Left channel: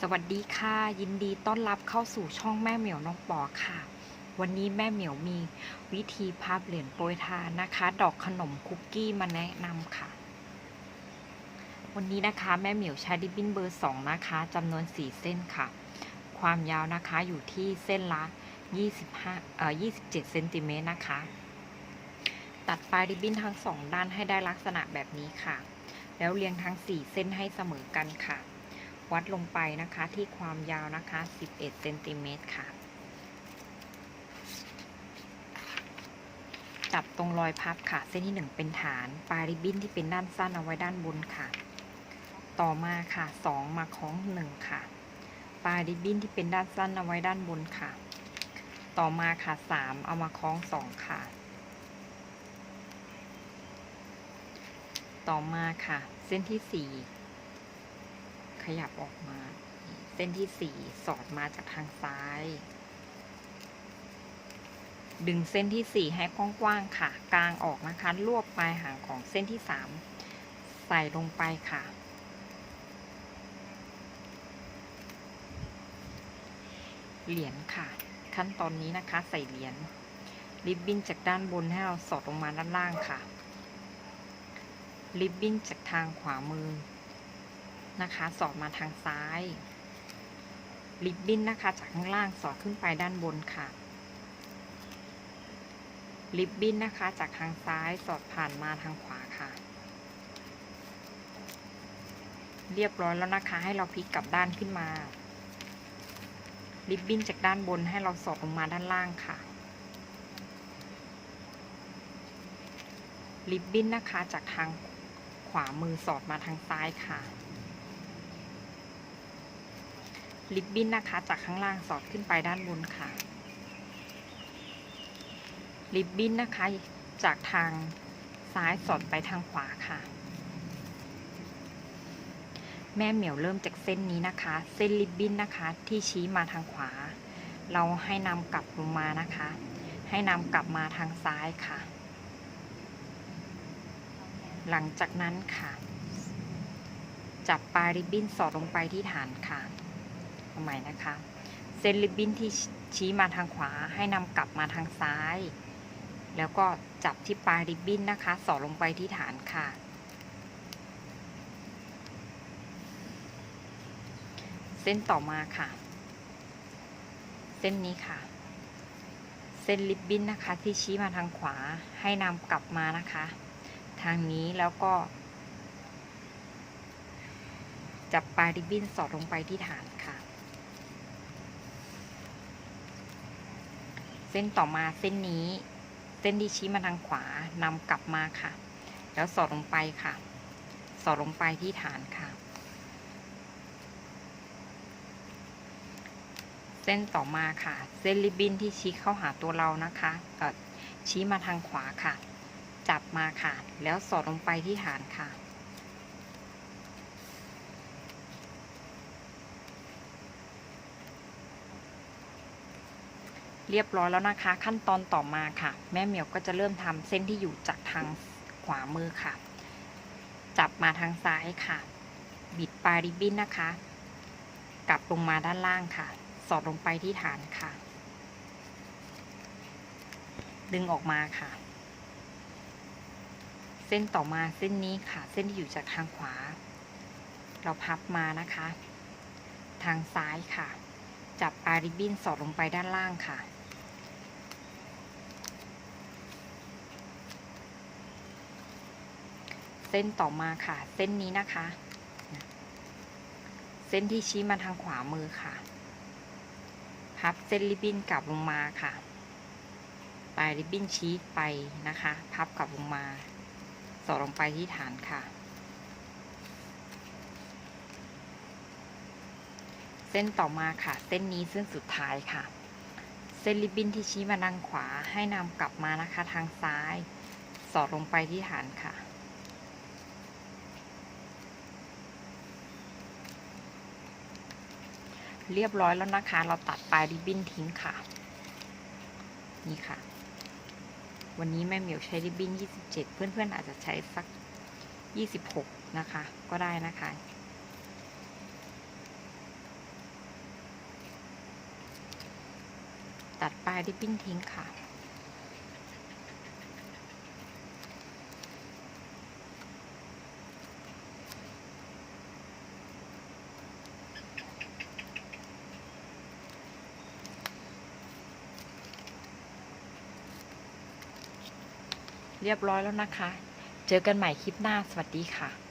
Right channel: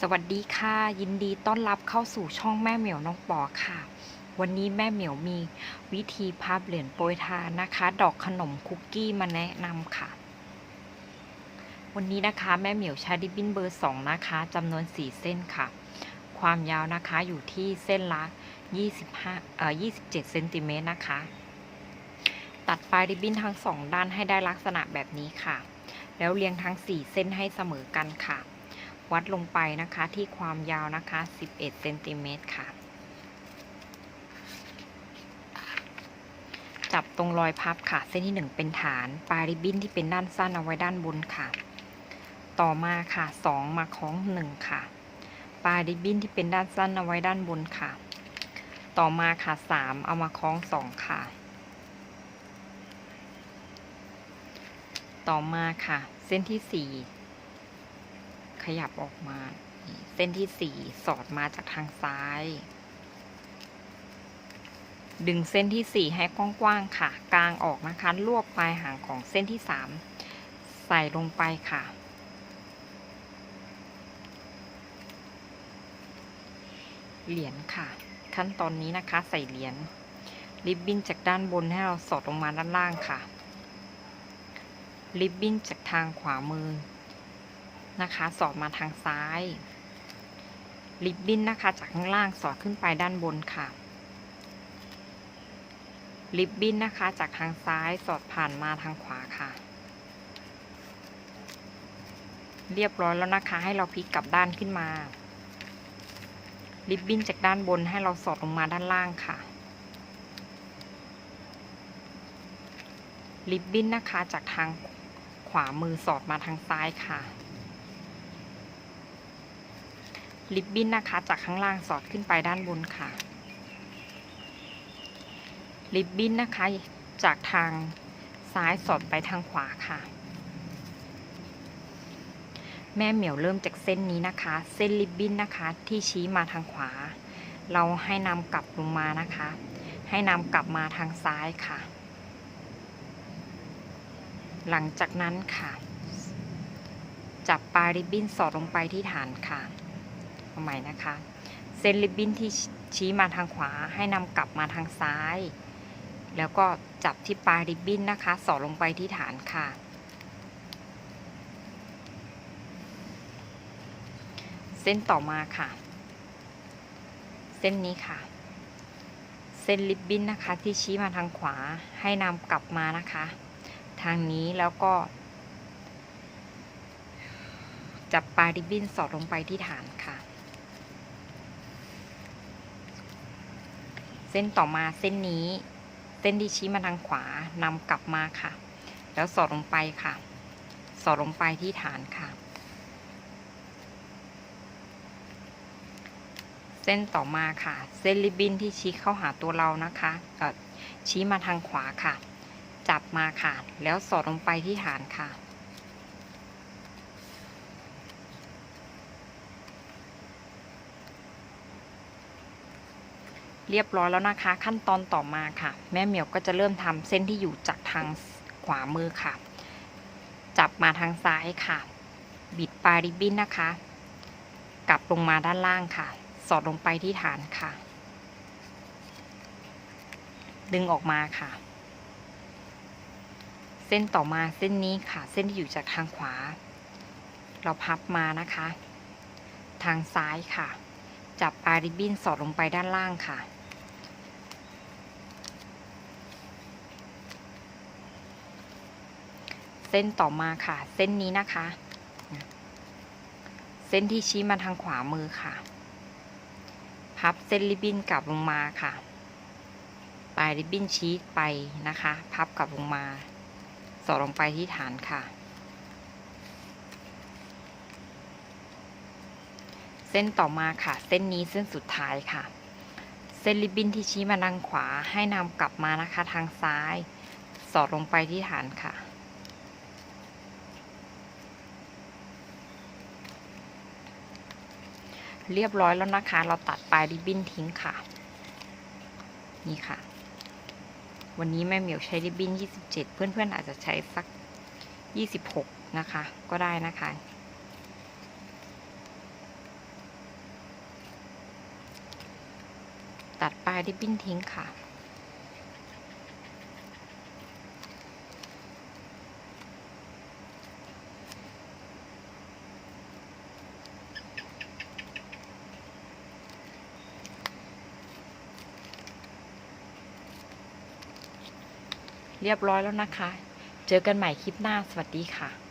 สวัสดีค่ะ ยินดีต้อนรับเข้าสู่ช่องแม่เหมียวน้องปอค่ะ วันนี้แม่เหมียวมีวิธีพับเหรียญโปรยทานนะคะ ดอกขนมคุกกี้มาแนะนำค่ะ วันนี้นะคะแม่เหมียวใช้ดิบบินเบอร์สองนะคะจำนวนสี่เส้นค่ะ ความยาวนะคะอยู่ที่เส้นละ25เอ่อ27เซนติเมตรนะคะ ตัดปลายริบบิ้นทั้งสองด้านให้ได้ลักษณะแบบนี้ค่ะ แล้วเรียงทั้ง4เส้นให้เสมอกันค่ะ วัดลงไปนะคะที่ความยาวนะคะ 11เซนติเมตรค่ะ จับตรงรอยพับค่ะ เส้นที่ 1 เป็นฐาน ปลายริบบิ้นที่เป็นด้านสั้นเอาไว้ด้านบนค่ะ ต่อมาค่ะ 2 มาคล้อง 1 ค่ะ ปลายริบบิ้นที่เป็นด้านสั้นเอาไว้ด้านบนค่ะ ต่อมาค่ะ 3 เอามาคล้อง 2 ค่ะ ต่อมาค่ะ เส้นที่ 4 ขยับออกมา เส้นที่4สอดมาจากทางซ้าย ดึงเส้นที่4ให้กว้างๆค่ะ กลางออกนะคะ รวบปลายหางของเส้นที่3ใส่ลงไปค่ะ เหรียญค่ะ ขั้นตอนนี้นะคะใส่เหรียญริบบิ้นจากด้านบนให้เราสอดลงมาด้านล่างค่ะ ริบบิ้นจากทางขวามือ นะคะ สอดมาทางซ้ายริบบิ้นนะคะ จากข้างล่างสอดขึ้นไปด้านบนค่ะริบบิ้นนะคะ จากทางซ้ายสอดผ่านมาทางขวาค่ะ เรียบร้อยแล้วนะคะ ให้เราพลิกกลับด้านขึ้นมาริบบิ้นจากด้านบนให้เราสอดลงมาด้านล่างค่ะริบบิ้นนะคะจากทางขวามือสอดมาทางซ้ายค่ะ ริบบิ้นนะคะ จากข้างล่างสอดขึ้นไปด้านบนค่ะริบบิ้นนะคะ จากทางซ้ายสอดไปทางขวาค่ะ แม่เหมียวเริ่มจากเส้นนี้นะคะ เส้นริบบิ้นนะคะที่ชี้มาทางขวา เราให้นำกลับลงมานะคะ ให้นำกลับมาทางซ้ายค่ะ หลังจากนั้นค่ะ จับปลายริบบิ้นสอดลงไปที่ฐานค่ะ เอาใหม่นะคะ เส้นริบบิ้นที่ชี้มาทางขวาให้นำกลับมาทางซ้าย แล้วก็จับที่ปลายริบบิ้นนะคะ สอดลงไปที่ฐานค่ะ เส้นต่อมาค่ะ เส้นนี้ค่ะ เส้นริบบิ้นนะคะที่ชี้มาทางขวาให้นำกลับมานะคะ ทางนี้แล้วก็ จับปลายริบบิ้นสอดลงไปที่ฐานค่ะ เส้นต่อมาเส้นนี้ เส้นที่ชี้มาทางขวานำกลับมาค่ะ แล้วสอดลงไปค่ะ สอดลงไปที่ฐานค่ะ เส้นต่อมาค่ะ เส้นริบบิ้นที่ชี้เข้าหาตัวเรานะคะชี้มาทางขวาค่ะ จับมาค่ะ แล้วสอดลงไปที่ฐานค่ะ เรียบร้อยแล้วนะคะ ขั้นตอนต่อมาค่ะ แม่เหมียวก็จะเริ่มทำเส้นที่อยู่จากทางขวามือค่ะ จับมาทางซ้ายค่ะ บิดปลายริบบิ้นนะคะ กลับลงมาด้านล่างค่ะ สอดลงไปที่ฐานค่ะ ดึงออกมาค่ะ เส้นต่อมาเส้นนี้ค่ะ เส้นที่อยู่จากทางขวา เราพับมานะคะ ทางซ้ายค่ะจับปลายริบบิ้นสอดลงไปด้านล่างค่ะ เส้นต่อมาค่ะ เส้นนี้นะคะ เส้นที่ชี้มาทางขวามือค่ะ พับเส้นริบบิ้นกลับลงมาค่ะ ปลายริบบิ้นชี้ไปนะคะ พับกลับลงมา สอดลงไปที่ฐานค่ะ เส้นต่อมาค่ะ เส้นนี้เส้นสุดท้ายค่ะ เส้นริบบิ้นที่ชี้มาทางขวาให้นำกลับมานะคะทางซ้าย สอดลงไปที่ฐานค่ะ เรียบร้อยแล้วนะคะ เราตัดปลายริบบิ้นทิ้งค่ะ นี่ค่ะ วันนี้แม่เหมียวใช้ริบบิ้น 27 เพื่อนๆอาจจะใช้สัก 26 นะคะ ก็ได้นะคะ ตัดปลายริบบิ้นทิ้งค่ะ เรียบร้อยแล้วนะคะ เจอกันใหม่คลิปหน้าสวัสดีค่ะ